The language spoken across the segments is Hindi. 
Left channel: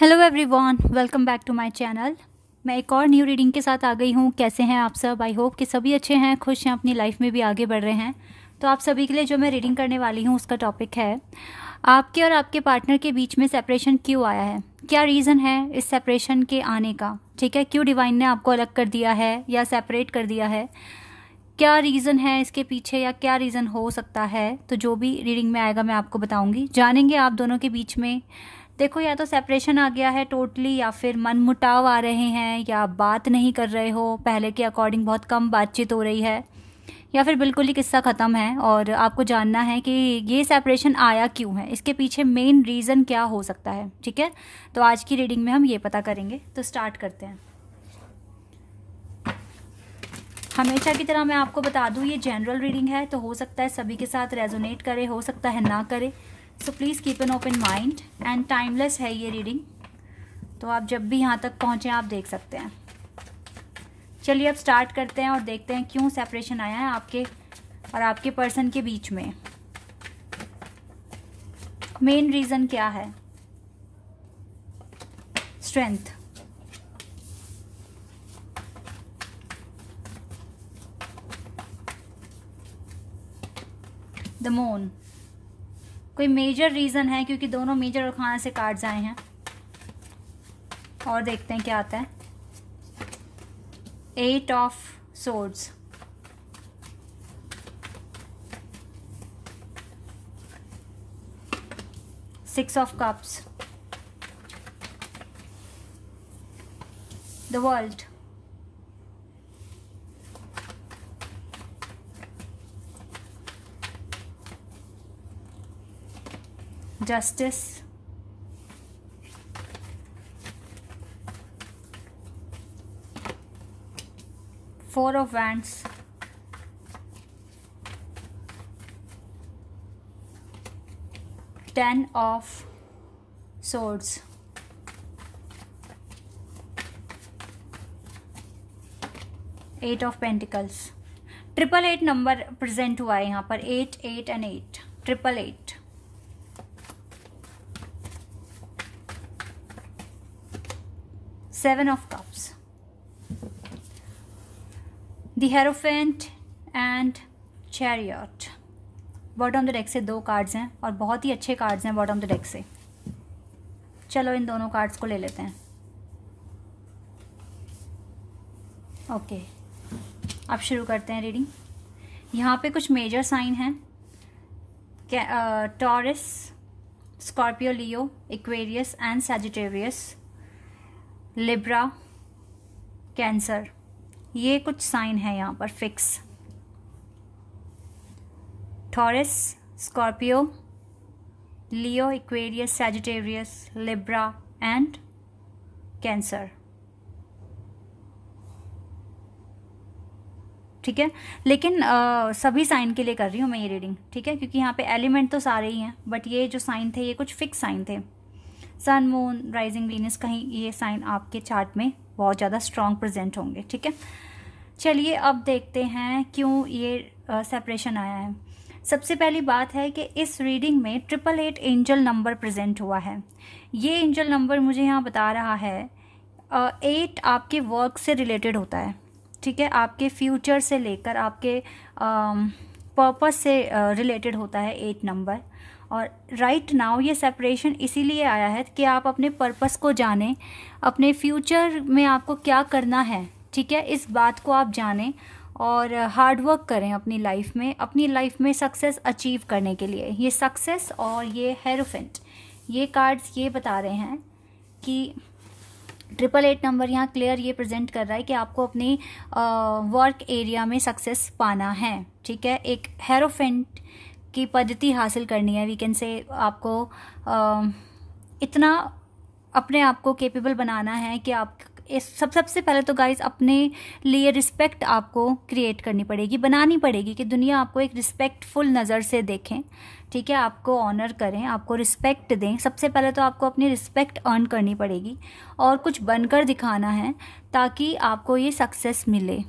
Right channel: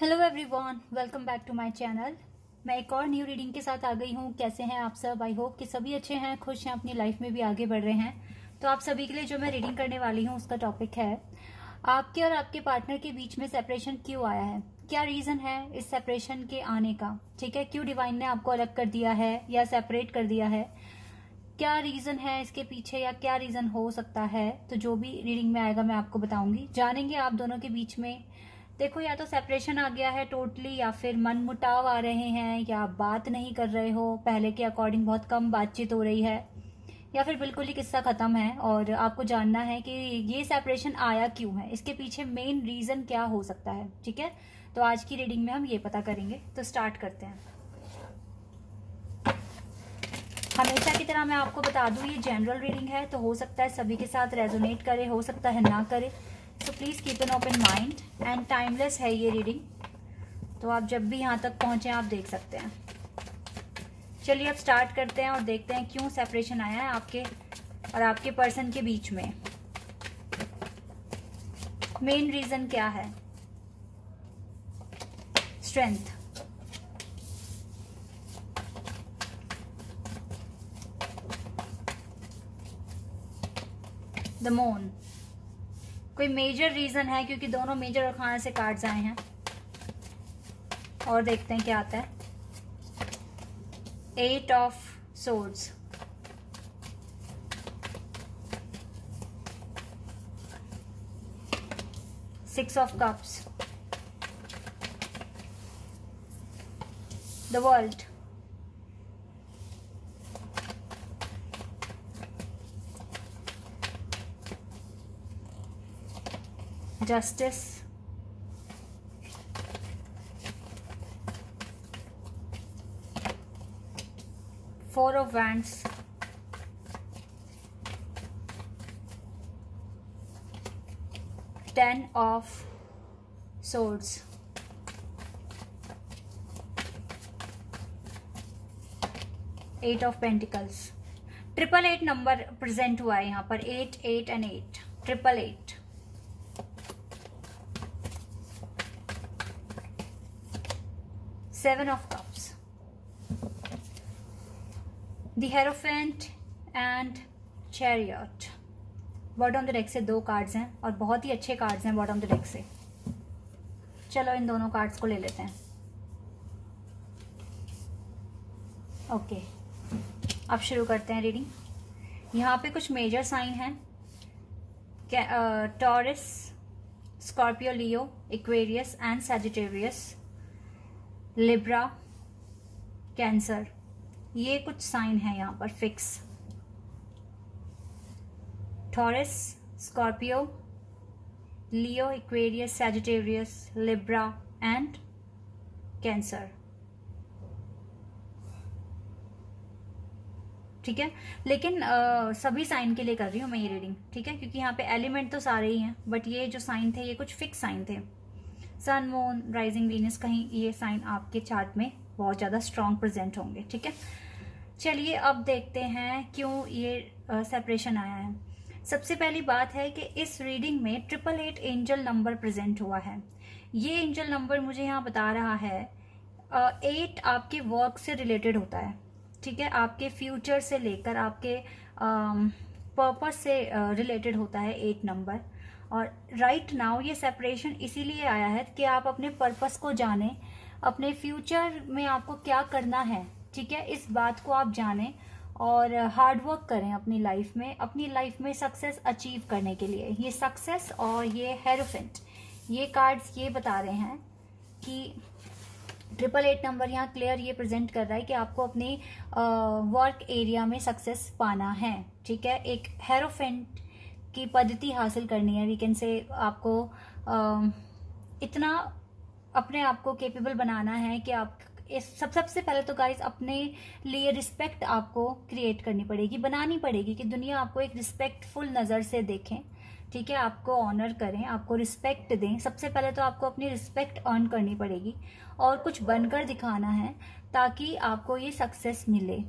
Hello everyone, welcome back to my channel. मैं एक और न्यू रीडिंग के साथ आ गई हूँ। कैसे हैं आप सब? आई होप कि सभी अच्छे हैं, खुश हैं, अपनी लाइफ में भी आगे बढ़ रहे हैं। तो आप सभी के लिए जो मैं रीडिंग करने वाली हूँ उसका टॉपिक है आपके और आपके पार्टनर के बीच में सेपरेशन क्यों आया है, क्या रीज़न है इस सेपरेशन के आने का। ठीक है, क्यों डिवाइन ने आपको अलग कर दिया है या सेपरेट कर दिया है, क्या रीज़न है इसके पीछे या क्या रीज़न हो सकता है। तो जो भी रीडिंग में आएगा मैं आपको बताऊंगी। जानेंगे आप दोनों के बीच में, देखो, या तो सेपरेशन आ गया है टोटली, या फिर मनमुटाव आ रहे हैं, या बात नहीं कर रहे हो, पहले के अकॉर्डिंग बहुत कम बातचीत हो रही है, या फिर बिल्कुल ही किस्सा ख़त्म है। और आपको जानना है कि ये सेपरेशन आया क्यों है, इसके पीछे मेन रीज़न क्या हो सकता है। ठीक है, तो आज की रीडिंग में हम ये पता करेंगे। तो स्टार्ट करते हैं। हमेशा की तरह मैं आपको बता दूं, ये जनरल रीडिंग है, तो हो सकता है सभी के साथ रेजोनेट करे, हो सकता है ना करे। So please keep an open mind and timeless है ये रीडिंग, तो आप जब भी यहाँ तक पहुँचे आप देख सकते हैं। चलिए अब स्टार्ट करते हैं और देखते हैं क्यों सेपरेशन आया है आपके और आपके पर्सन के बीच में। मेन रीज़न क्या है? Strength, the moon. कोई मेजर रीजन है, क्योंकि दोनों मेजर और खाने से कार्ड्स आए हैं। और देखते हैं क्या आता है। 8 of swords, Six of Cups, the World, Justice, Four of Wands, Ten of Swords, Eight of Pentacles। 888 number present हुआ है यहाँ पर, 8 8 and 8, 888। Seven of Cups, The Hierophant and Chariot। Bottom the deck से 2 कार्ड्स हैं और बहुत ही अच्छे कार्ड्स हैं बॉटम द डेक से। चलो इन दोनों कार्ड्स को ले लेते हैं। ओके, अब शुरू करते हैं रीडिंग। यहाँ पे कुछ मेजर साइन हैं, taurus, Scorpio, Leo, Aquarius and Sagittarius, Libra, cancer. ये कुछ साइन है यहाँ पर fix. Taurus, Scorpio, Leo, Aquarius, Sagittarius, Libra and cancer. ठीक है, लेकिन सभी साइन के लिए कर रही हूँ मैं ये रीडिंग। ठीक है, क्योंकि यहाँ पे एलिमेंट तो सारे ही हैं, बट ये जो साइन थे ये कुछ फिक्स साइन थे। सन, मून, राइजिंग, वीनस, कहीं ये साइन आपके चार्ट में बहुत ज़्यादा स्ट्रॉन्ग प्रेजेंट होंगे। ठीक है, चलिए अब देखते हैं क्यों ये सेपरेशन आया है। सबसे पहली बात है कि इस रीडिंग में 888 एंजल नंबर प्रेजेंट हुआ है। ये एंजल नंबर मुझे यहाँ बता रहा है 8 आपके वर्क से रिलेटेड होता है। ठीक है, आपके फ्यूचर से लेकर आपके पर्पस से रिलेटेड होता है 8 नंबर। और राइट नाउ ये सेपरेशन इसीलिए आया है कि आप अपने पर्पस को जानें, अपने फ्यूचर में आपको क्या करना है। ठीक है, इस बात को आप जानें और हार्ड वर्क करें अपनी लाइफ में सक्सेस अचीव करने के लिए। ये सक्सेस और ये हेरोफेंट, ये कार्ड्स ये बता रहे हैं कि 888 नंबर यहाँ क्लियर ये प्रेजेंट कर रहा है कि आपको अपनी वर्क एरिया में सक्सेस पाना है। ठीक है, एक हेरोफेंट की पद्धति हासिल करनी है। वी कैन से आपको इतना अपने आप को कैपेबल बनाना है कि आप सबसे पहले तो गाइस अपने लिए रिस्पेक्ट आपको क्रिएट करनी पड़ेगी, बनानी पड़ेगी कि दुनिया आपको एक रिस्पेक्टफुल नज़र से देखें। ठीक है, आपको ऑनर करें, आपको रिस्पेक्ट दें। सबसे पहले तो आपको अपनी रिस्पेक्ट अर्न करनी पड़ेगी और कुछ बनकर दिखाना है ताकि आपको ये सक्सेस मिले।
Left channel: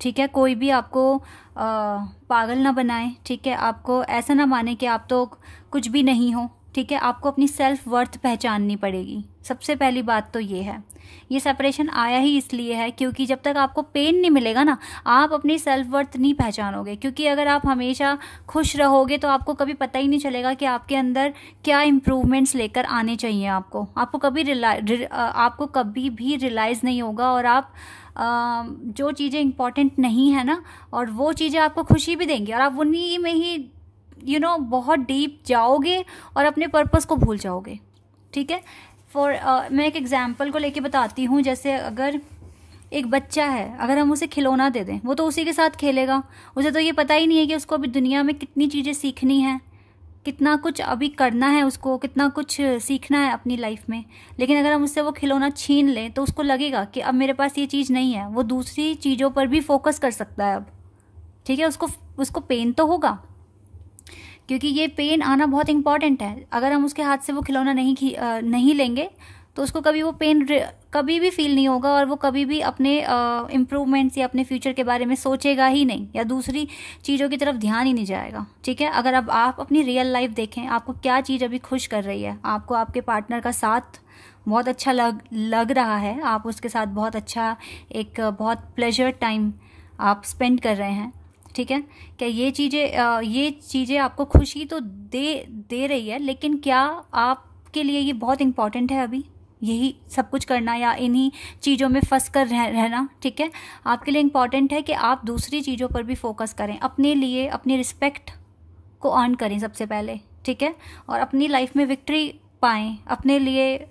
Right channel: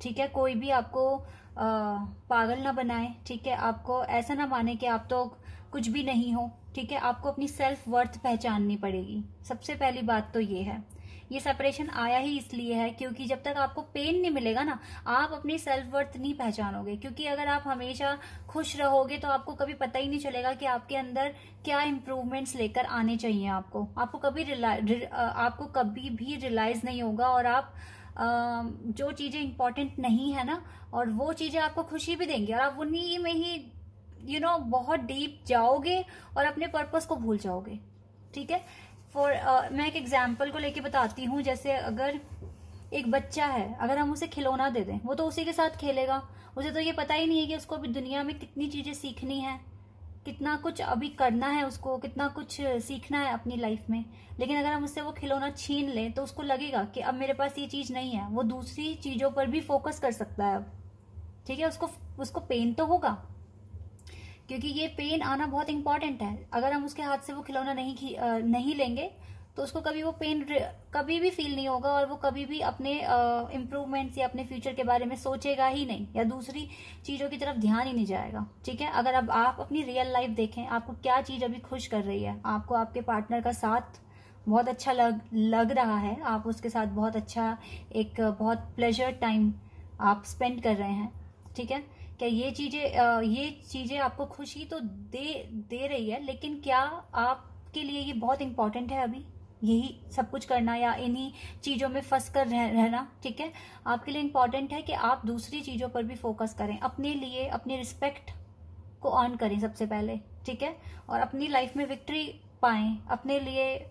ठीक है, कोई भी आपको पागल ना बनाए। ठीक है, आपको ऐसा ना माने कि आप तो कुछ भी नहीं हो। ठीक है, आपको अपनी सेल्फ वर्थ पहचाननी पड़ेगी। सबसे पहली बात तो ये है। ये सेपरेशन आया ही इसलिए है क्योंकि जब तक आपको पेन नहीं मिलेगा ना, आप अपनी सेल्फ वर्थ नहीं पहचानोगे। क्योंकि अगर आप हमेशा खुश रहोगे तो आपको कभी पता ही नहीं चलेगा कि आपके अंदर क्या इम्प्रूवमेंट्स लेकर आने चाहिए। आपको कभी भी रियलाइज़ नहीं होगा, और आप जो चीज़ें इंपॉर्टेंट नहीं है ना, और वो चीज़ें आपको खुशी भी देंगी, और आप उन्हीं में ही बहुत डीप जाओगे और अपने पर्पस को भूल जाओगे। ठीक है, मैं एक एग्जांपल को लेके बताती हूँ। जैसे अगर एक बच्चा है, अगर हम उसे खिलौना दे दें, वो तो उसी के साथ खेलेगा। उसे तो ये पता ही नहीं है कि उसको अभी दुनिया में कितनी चीज़ें सीखनी है, कितना कुछ अभी करना है, उसको कितना कुछ सीखना है अपनी लाइफ में। लेकिन अगर हम उससे वो खिलौना छीन लें तो उसको लगेगा कि अब मेरे पास ये चीज़ नहीं है। वो दूसरी चीज़ों पर भी फोकस कर सकता है अब। ठीक है, उसको पेन तो होगा, क्योंकि ये पेन आना बहुत इंपॉर्टेंट है। अगर हम उसके हाथ से वो खिलौना नहीं लेंगे तो उसको कभी वो पेन कभी भी फील नहीं होगा, और वो कभी भी अपने इम्प्रूवमेंट्स या अपने फ्यूचर के बारे में सोचेगा ही नहीं, या दूसरी चीज़ों की तरफ ध्यान ही नहीं जाएगा। ठीक है, अगर अब आप अपनी रियल लाइफ देखें, आपको क्या चीज़ अभी खुश कर रही है? आपको आपके पार्टनर का साथ बहुत अच्छा लग रहा है, आप उसके साथ बहुत अच्छा बहुत प्लेजर टाइम आप स्पेंड कर रहे हैं। ठीक है, क्या ये चीज़ें आपको खुशी तो दे रही है, लेकिन क्या आपके लिए ये बहुत इम्पॉर्टेंट है अभी यही सब कुछ करना, या इन्हीं चीज़ों में फंस कर रहना? ठीक है, आपके लिए इम्पॉर्टेंट है कि आप दूसरी चीज़ों पर भी फोकस करें, अपने लिए अपनी रिस्पेक्ट को अर्न करें सबसे पहले। ठीक है, और अपनी लाइफ में विक्ट्री पाएं, अपने लिए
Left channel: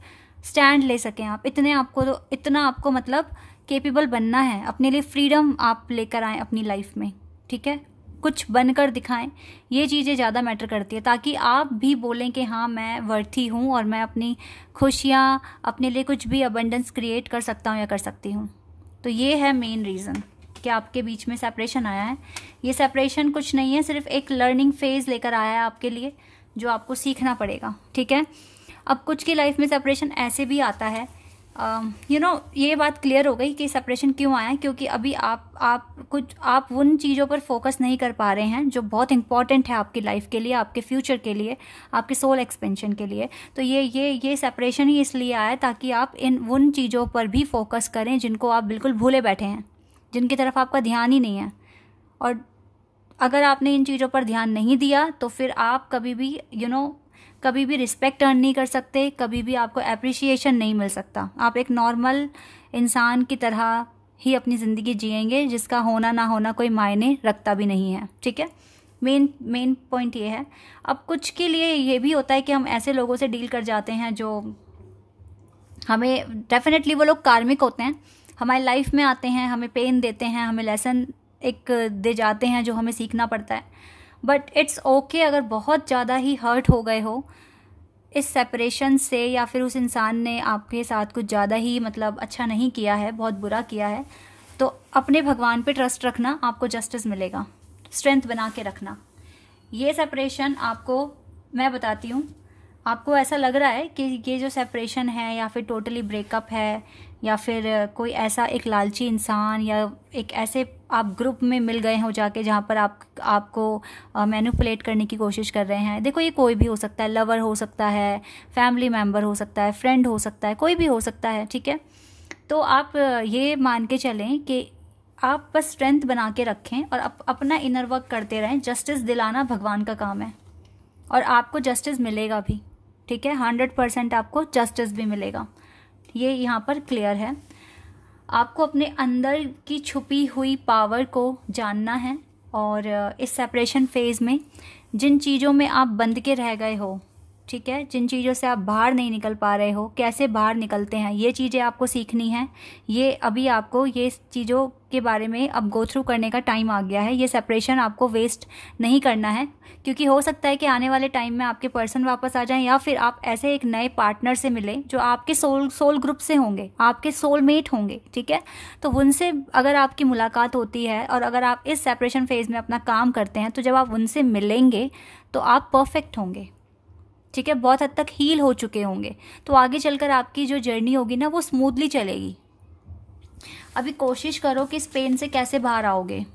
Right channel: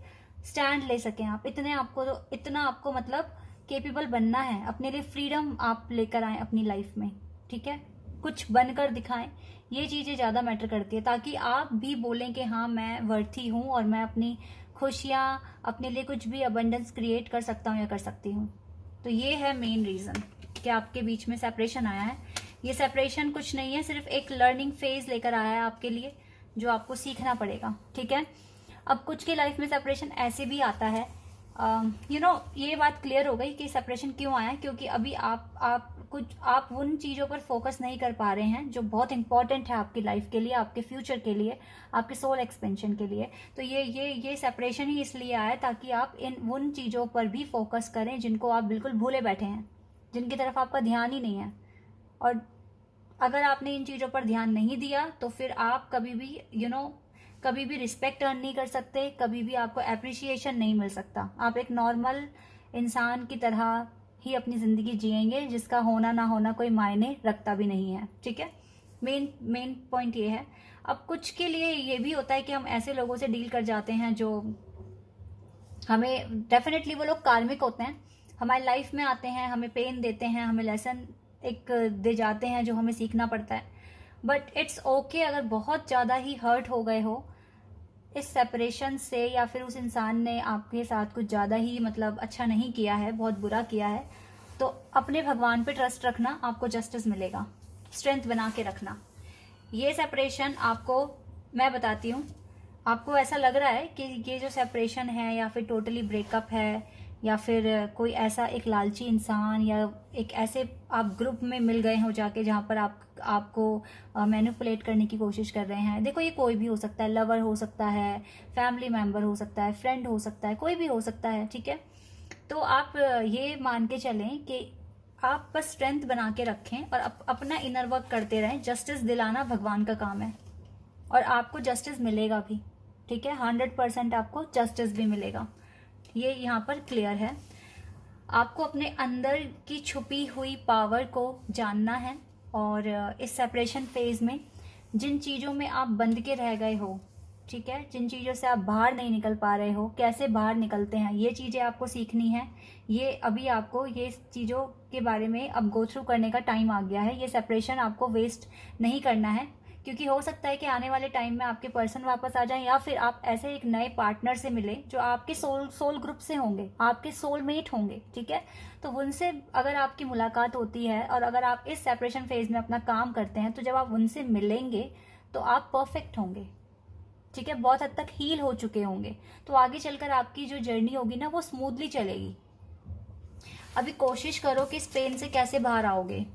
स्टैंड ले सकें आप। इतना आपको मतलब केपेबल बनना है, अपने लिए फ्रीडम आप लेकर आएँ अपनी लाइफ में। ठीक है, कुछ बनकर दिखाएं, ये चीज़ें ज़्यादा मैटर करती है, ताकि आप भी बोलें कि हाँ मैं वर्थी हूँ और मैं अपनी खुशियाँ, अपने लिए कुछ भी अबंडेंस क्रिएट कर सकता हूँ या कर सकती हूँ। तो ये है मेन रीज़न कि आपके बीच में सेपरेशन आया है। ये सेपरेशन कुछ नहीं है, सिर्फ एक लर्निंग फेज लेकर आया है आपके लिए, जो आपको सीखना पड़ेगा। ठीक है, अब कुछ की लाइफ में सेपरेशन ऐसे भी आता है, ये बात क्लियर हो गई कि सेपरेशन क्यों आया, क्योंकि अभी आप उन चीज़ों पर फोकस नहीं कर पा रहे हैं जो बहुत इंपॉर्टेंट है आपकी लाइफ के लिए, आपके फ्यूचर के लिए, आपके सोल एक्सपेंशन के लिए। तो ये सेपरेशन ही इसलिए आया ताकि आप उन चीज़ों पर भी फोकस करें जिनको आप बिल्कुल भूले बैठे हैं, जिनकी तरफ आपका ध्यान ही नहीं है। और अगर आपने इन चीज़ों पर ध्यान नहीं दिया तो फिर आप कभी भी रिस्पेक्ट अर्न नहीं कर सकते, कभी भी आपको एप्रिसिएशन नहीं मिल सकता। आप एक नॉर्मल इंसान की तरह ही अपनी ज़िंदगी जिएंगे, जिसका होना ना होना कोई मायने रखता भी नहीं है। ठीक है, मेन पॉइंट ये है। अब कुछ के लिए ये भी होता है कि हम ऐसे लोगों से डील कर जाते हैं जो हमें, डेफिनेटली वो लोग कार्मिक होते हैं, हमारी लाइफ में आते हैं, हमें पेन देते हैं, हमें लेसन दे जाते हैं जो हमें सीखना पड़ता है। बट इट्स ओके अगर बहुत ज़्यादा ही हर्ट हो गए हो इस सेपरेशन से, या फिर उस इंसान ने आपके साथ कुछ ज़्यादा ही मतलब अच्छा नहीं किया है, बहुत बुरा किया है, तो अपने भगवान पे ट्रस्ट रखना, आपको जस्टिस मिलेगा। स्ट्रेंथ बना के रखना। ये सेपरेशन आपको मैं बताती हूँ, आपको ऐसा लग रहा है कि ये जो सेपरेशन है या फिर टोटली ब्रेकअप है, या फिर कोई ऐसा एक लालची इंसान या एक ऐसे आप ग्रुप में मिल गए हो जाके जहाँ पर आपको मैनिपुलेट करने की कोशिश कर रहे हैं। देखो, ये कोई भी हो सकता है, लवर हो सकता है, फैमिली मेम्बर हो सकता है, फ्रेंड हो सकता है, कोई भी हो सकता है। ठीक है, तो आप ये मान के चलें कि आप बस स्ट्रेंथ बना के रखें और अपना इनर वर्क करते रहें। जस्टिस दिलाना भगवान का काम है और आपको जस्टिस मिलेगा भी। ठीक है, 100% आपको जस्टिस भी मिलेगा, ये यहाँ पर क्लियर है। आपको अपने अंदर की छुपी हुई पावर को जानना है, और इस सेपरेशन फेज में जिन चीज़ों में आप बंद के रह गए हो, ठीक है, जिन चीज़ों से आप बाहर नहीं निकल पा रहे हो, कैसे बाहर निकलते हैं, ये चीज़ें आपको सीखनी है। ये अभी आपको ये चीज़ों के बारे में अब गो थ्रू करने का टाइम आ गया है। ये सेपरेशन आपको वेस्ट नहीं करना है, क्योंकि हो सकता है कि आने वाले टाइम में आपके पर्सन वापस आ जाएं, या फिर आप ऐसे एक नए पार्टनर से मिलें जो आपके सोल ग्रुप से होंगे, आपके सोलमेट होंगे। ठीक है, तो उनसे अगर आपकी मुलाकात होती है और अगर आप इस सेपरेशन फेज में अपना काम करते हैं, तो जब आप उनसे मिलेंगे तो आप परफेक्ट होंगे। ठीक है, बहुत हद तक हील हो चुके होंगे, तो आगे चलकर आपकी जो जर्नी होगी ना, वो स्मूथली चलेगी। अभी कोशिश करो कि इस पेन से कैसे बाहर आओगे,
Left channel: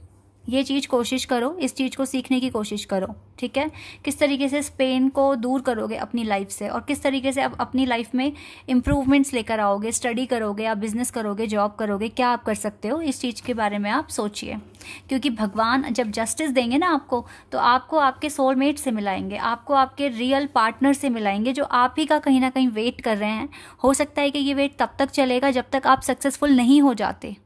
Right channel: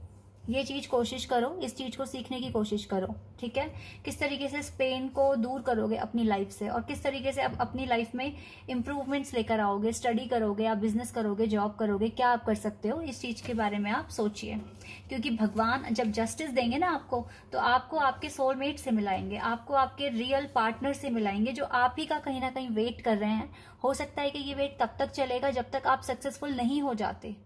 ये चीज़ कोशिश करो, इस चीज़ को सीखने की कोशिश करो, ठीक है। किस तरीके से पेन को दूर करोगे अपनी लाइफ से, और किस तरीके से आप अपनी लाइफ में इम्प्रूवमेंट्स लेकर आओगे, स्टडी करोगे, आप बिजनेस करोगे, जॉब करोगे, क्या आप कर सकते हो, इस चीज़ के बारे में आप सोचिए। क्योंकि भगवान जब जस्टिस देंगे ना आपको, तो आपको आपके सोलमेट से मिलाएंगे, आपको आपके रियल पार्टनर से मिलाएंगे, जो आप ही का कहीं ना कहीं वेट कर रहे हैं। हो सकता है कि ये वेट तब तक चलेगा जब तक आप सक्सेसफुल नहीं हो जाते,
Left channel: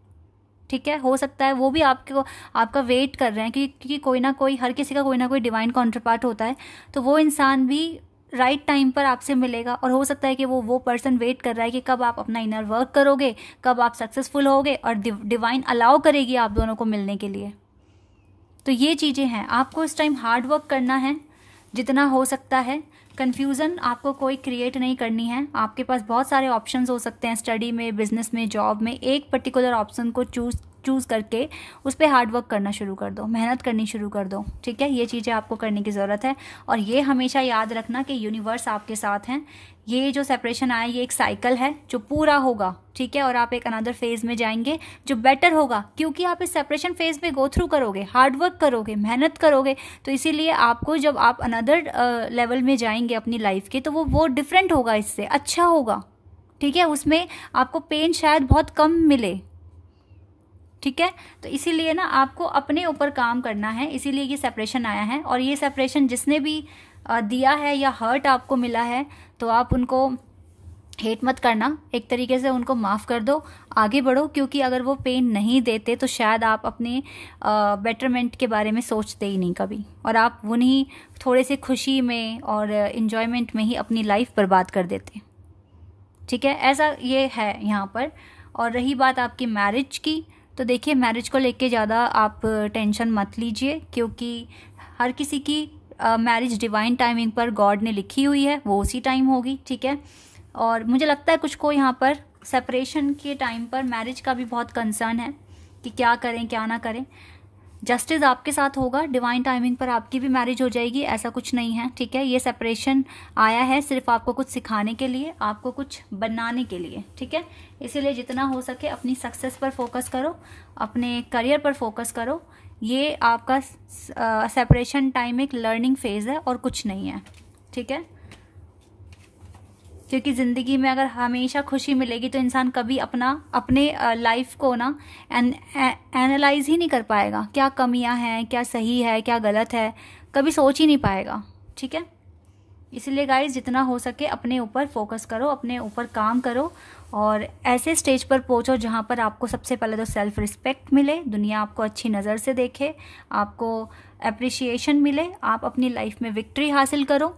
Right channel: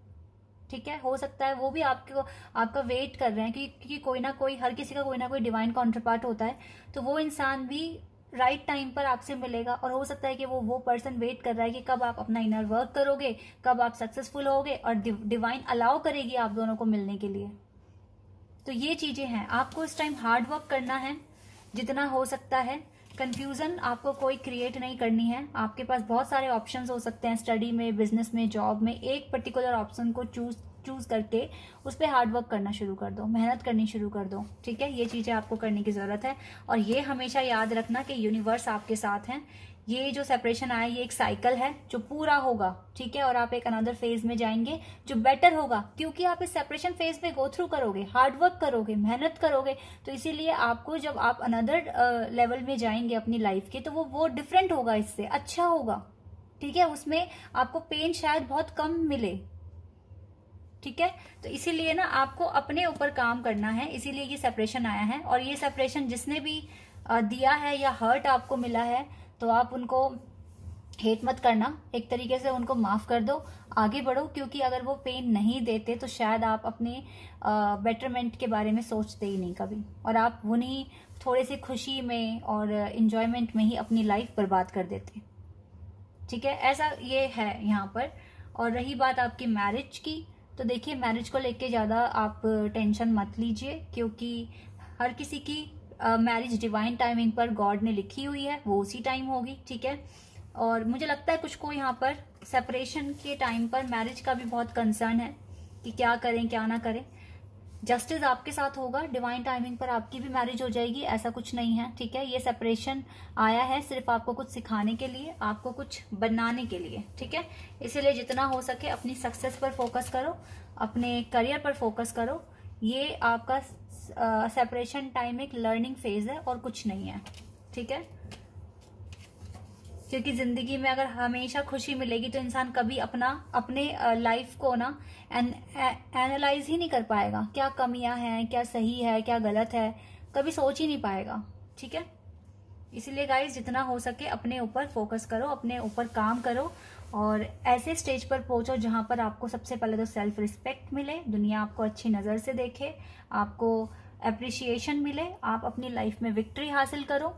ठीक है। हो सकता है वो भी आपका वेट कर रहे हैं, क्योंकि कोई ना कोई, हर किसी का कोई ना कोई डिवाइन काउंटरपार्ट होता है, तो वो इंसान भी राइट टाइम पर आपसे मिलेगा। और हो सकता है कि वो पर्सन वेट कर रहा है कि कब आप अपना इनर वर्क करोगे, कब आप सक्सेसफुल होगे, और डिवाइन अलाउ करेगी आप दोनों को मिलने के लिए। तो ये चीज़ें हैं, आपको इस टाइम हार्ड वर्क करना है जितना हो सकता है। कन्फ्यूज़न आपको कोई क्रिएट नहीं करनी है। आपके पास बहुत सारे ऑप्शंस हो सकते हैं, स्टडी में, बिजनेस में, जॉब में। एक पर्टिकुलर ऑप्शन को चूज करके उस पर हार्ड वर्क करना शुरू कर दो, मेहनत करनी शुरू कर दो, ठीक है। ये चीज़ें आपको करने की ज़रूरत है। और ये हमेशा याद रखना कि यूनिवर्स आपके साथ हैं। ये जो सेपरेशन आया, ये एक साइकिल है जो पूरा होगा, ठीक है। और आप एक अनदर फेज में जाएंगे जो बेटर होगा, क्योंकि आप इस सेपरेशन फेज में गो थ्रू करोगे, हार्ड वर्क करोगे, मेहनत करोगे। तो इसीलिए आपको जब आप अनदर लेवल में जाएंगे अपनी लाइफ के, तो वो डिफरेंट होगा, इससे अच्छा होगा, ठीक है। उसमें आपको पेन शायद बहुत कम मिले, ठीक है। तो इसीलिए ना आपको अपने ऊपर काम करना है, इसीलिए ये सेपरेशन आया है। और ये सेपरेशन जिसने भी दिया है या हर्ट आपको मिला है, तो आप उनको हेट मत करना, एक तरीके से उनको माफ़ कर दो, आगे बढ़ो। क्योंकि अगर वो पेन नहीं देते तो शायद आप अपने बेटरमेंट के बारे में सोचते ही नहीं कभी, और आप उन्हीं थोड़े से खुशी में और इन्जॉयमेंट में ही अपनी लाइफ बर्बाद कर देते, ठीक है। ऐसा ये है यहाँ पर। और रही बात आपकी मैरिज की, तो देखिए मैरिज को लेके ज़्यादा आप टेंशन मत लीजिए, क्योंकि हर किसी की मैरिज डिवाइन टाइमिंग पर गॉड ने लिखी हुई है, वो उसी टाइम होगी, ठीक है। और मुझे लगता है कुछ को यहाँ पर सेपरेशन के टाइम पर मैरिज का भी बहुत कंसर्न है कि क्या करें क्या ना करें। जस्टिस आपके साथ होगा, डिवाइन टाइमिंग पर आपकी भी मैरिज हो जाएगी, ऐसा कुछ नहीं है, ठीक है। ये सेपरेशन आया है सिर्फ आपको कुछ सिखाने के लिए, आपको कुछ बनाने के लिए, ठीक है। इसीलिए जितना हो सके अपनी सक्सेस पर फोकस करो, अपने करियर पर फोकस करो। ये आपका सेपरेशन टाइम एक लर्निंग फेज है और कुछ नहीं है, ठीक है। क्योंकि ज़िंदगी में अगर हमेशा खुशी मिलेगी तो इंसान कभी अपने लाइफ को ना एनालाइज ही नहीं कर पाएगा, क्या कमियां हैं, क्या सही है, क्या गलत है, कभी सोच ही नहीं पाएगा, ठीक है। इसलिए गाइस जितना हो सके अपने ऊपर फोकस करो, अपने ऊपर काम करो, और ऐसे स्टेज पर पहुंचो जहां पर आपको सबसे पहले तो सेल्फ रिस्पेक्ट मिले, दुनिया आपको अच्छी नज़र से देखे, आपको अप्रिशिएशन मिले, आप अपनी लाइफ में विक्ट्री हासिल करो।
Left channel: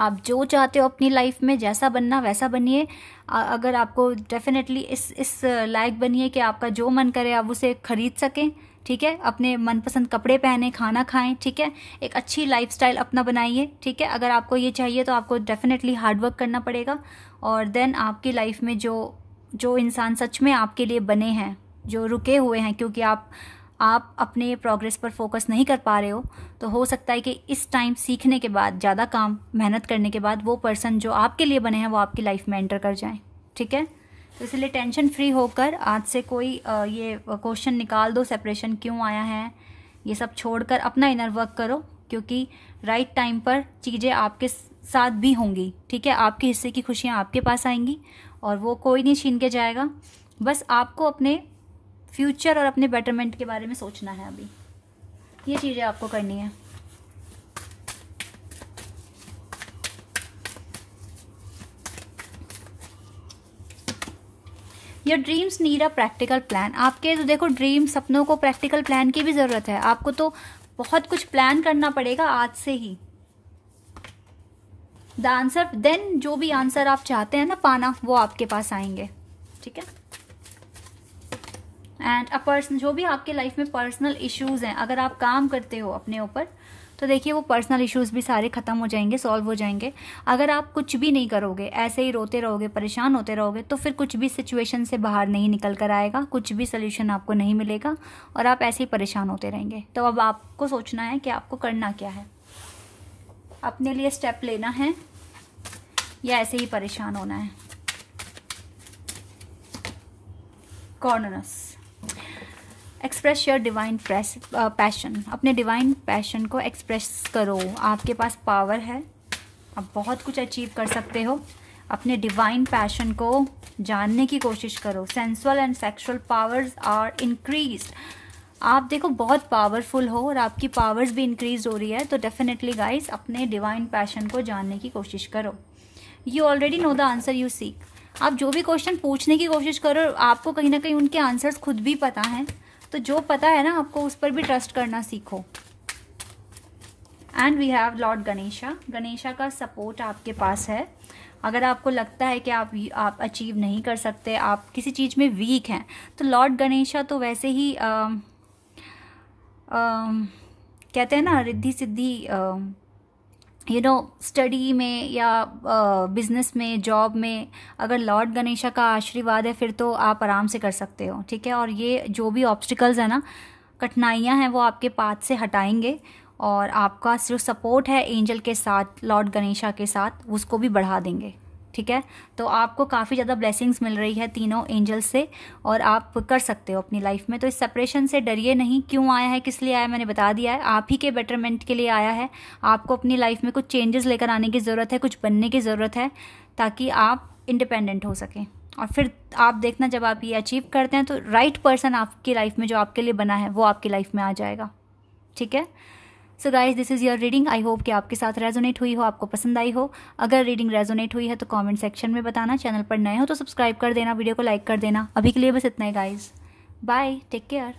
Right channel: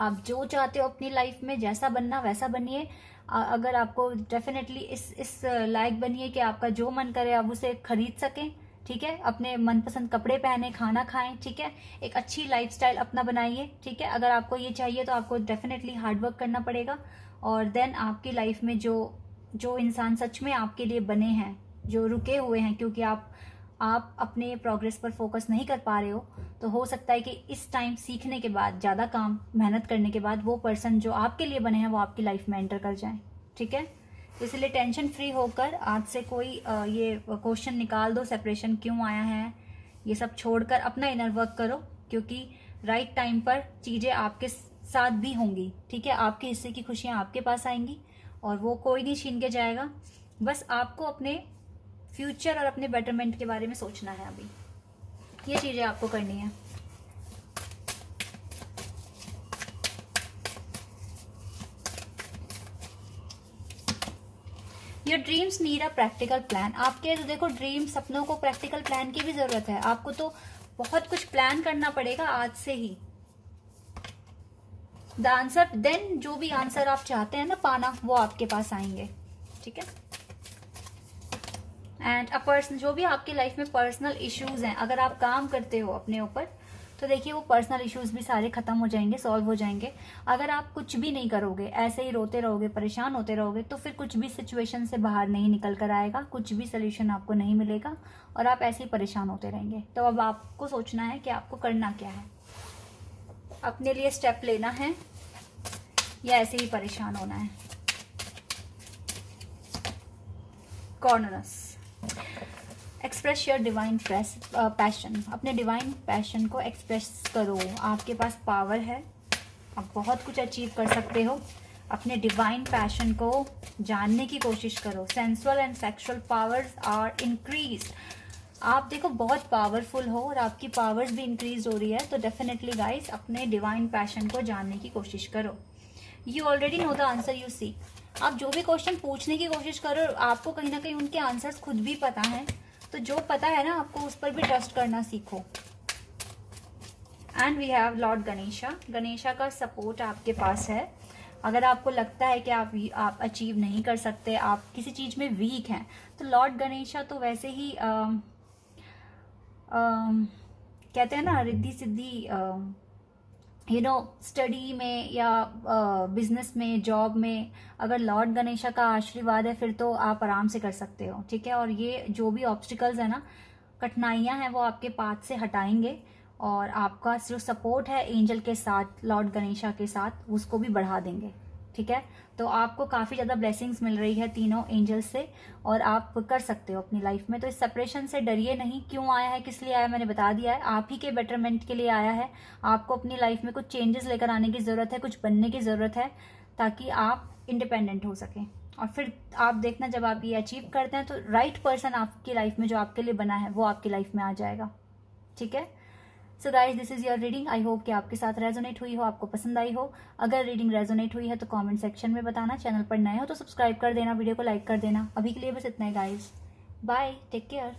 आप जो चाहते हो अपनी लाइफ में, जैसा बनना वैसा बनिए। अगर आपको डेफिनेटली इस लायक बनिए कि आपका जो मन करे आप उसे खरीद सकें, ठीक है। अपने मनपसंद कपड़े पहने, खाना खाएं, ठीक है। एक अच्छी लाइफस्टाइल अपना बनाइए, ठीक है। अगर आपको ये चाहिए तो आपको डेफिनेटली हार्ड वर्क करना पड़ेगा, और देन आपकी लाइफ में जो इंसान सच में आपके लिए बने हैं, जो रुके हुए हैं क्योंकि आप अपने प्रोग्रेस पर फोकस नहीं कर पा रहे हो, तो हो सकता है कि इस टाइम सीखने के बाद, ज़्यादा काम मेहनत करने के बाद, वो पर्सन जो आपके लिए बने हैं वो आपकी लाइफ में एंटर कर जाएं, ठीक है। तो इसलिए टेंशन फ्री होकर आज से कोई ये क्वेश्चन निकाल दो, सेपरेशन क्यों आया है, ये सब छोड़कर अपना इनर वर्क करो, क्योंकि राइट टाइम पर चीज़ें आपके साथ भी होंगी, ठीक है। आपके हिस्से की खुशियाँ आपके पास आएंगी और वो कोई नहीं छीन के जाएगा। बस आपको अपने फ्यूचर और अपने बेटरमेंट के बारे में सोचना है, अभी ये चीज़ें आपको करनी है। Your dreams need a practical plan. आपके तो देखो ड्रीम, सपनों को प्रैक्टिकल प्लान की भी जरूरत है। आपको तो बहुत कुछ प्लान करना पड़ेगा आज से ही। द आंसर देन, जो भी आंसर आप चाहते हैं ना पाना, वो आपके पास आएंगे, ठीक है। एंड अ पर्सन, जो भी आपके लाइफ में पर्सनल इश्यूज हैं, अगर आप काम करते हो अपने ऊपर, तो देखिए वो पर्सनल इश्यूज भी सारे खत्म हो जाएंगे, सॉल्व हो जाएंगे। अगर आप कुछ भी नहीं करोगे, ऐसे ही रोते रहोगे, परेशान होते रहोगे, तो फिर कुछ भी सिचुएशन से बाहर नहीं निकल कर आएगा, कुछ भी सोल्यूशन आपको नहीं मिलेगा और आप ऐसे ही परेशान होते रहेंगे। तो अब आपको सोचना है कि आपको करना क्या है, अपने लिए स्टेप लेना है या ऐसे ही परेशान होना है। Corns express your divine passion, अपने डिवाइन पैशन को एक्सप्रेस करो। आपके पास पावर है, आप बहुत कुछ अचीव कर सकते हो। अपने डिवाइन पैशन को जानने की कोशिश करो। Sensual and sexual powers are increased. आप देखो बहुत पावरफुल हो और आपकी पावर्स भी इंक्रीज हो रही है, तो डेफिनेटली गाइस अपने डिवाइन पैशन को जानने की कोशिश करो। You already know the answer you seek. आप जो भी क्वेश्चन पूछने की कोशिश करो, आपको कहीं ना कहीं उनके आंसर्स खुद भी पता हैं, तो जो पता है ना आपको, उस पर भी ट्रस्ट करना सीखो। And we have Lord Ganesha. Ganesha का सपोर्ट आपके पास है। अगर आपको लगता है कि आप अचीव नहीं कर सकते, आप किसी चीज़ में वीक हैं, तो लॉर्ड गणेशा तो वैसे ही कहते हैं ना रिद्धि सिद्धि, स्टडी में या बिजनेस में, जॉब में, अगर लॉर्ड गणेशा का आशीर्वाद है फिर तो आप आराम से कर सकते हो, ठीक है। और ये जो भी ऑब्स्टिकल्स है ना, कठिनाइयां हैं, वो आपके पाथ से हटाएंगे और आपका जो सपोर्ट है एंजल के साथ, लॉर्ड गणेशा के साथ, उसको भी बढ़ा देंगे, ठीक है। तो आपको काफ़ी ज़्यादा ब्लेसिंग्स मिल रही है तीनों एंजल्स से, और आप कर सकते हो अपनी लाइफ में। तो इस सेपरेशन से डरिए नहीं। क्यों आया है, किस लिए आया, मैंने बता दिया है। आप ही के बेटरमेंट के लिए आया है। आपको अपनी लाइफ में कुछ चेंजेस लेकर आने की ज़रूरत है, कुछ बनने की ज़रूरत है, ताकि आप इंडिपेंडेंट हो सकें। और फिर आप देखना, जब आप ये अचीव करते हैं तो राइट पर्सन आपकी लाइफ में जो आपके लिए बना है वो आपकी लाइफ में आ जाएगा, ठीक है। So guys, this is your reading. I hope कि आपके साथ रेजोनेट हुई हो, आपको पसंद आई हो। अगर रीडिंग रेजोनेट हुई है तो कमेंट सेक्शन में बताना। चैनल पर नए हो तो सब्सक्राइब कर देना, वीडियो को लाइक कर देना। अभी के लिए बस इतना ही गाइज। Bye, take care.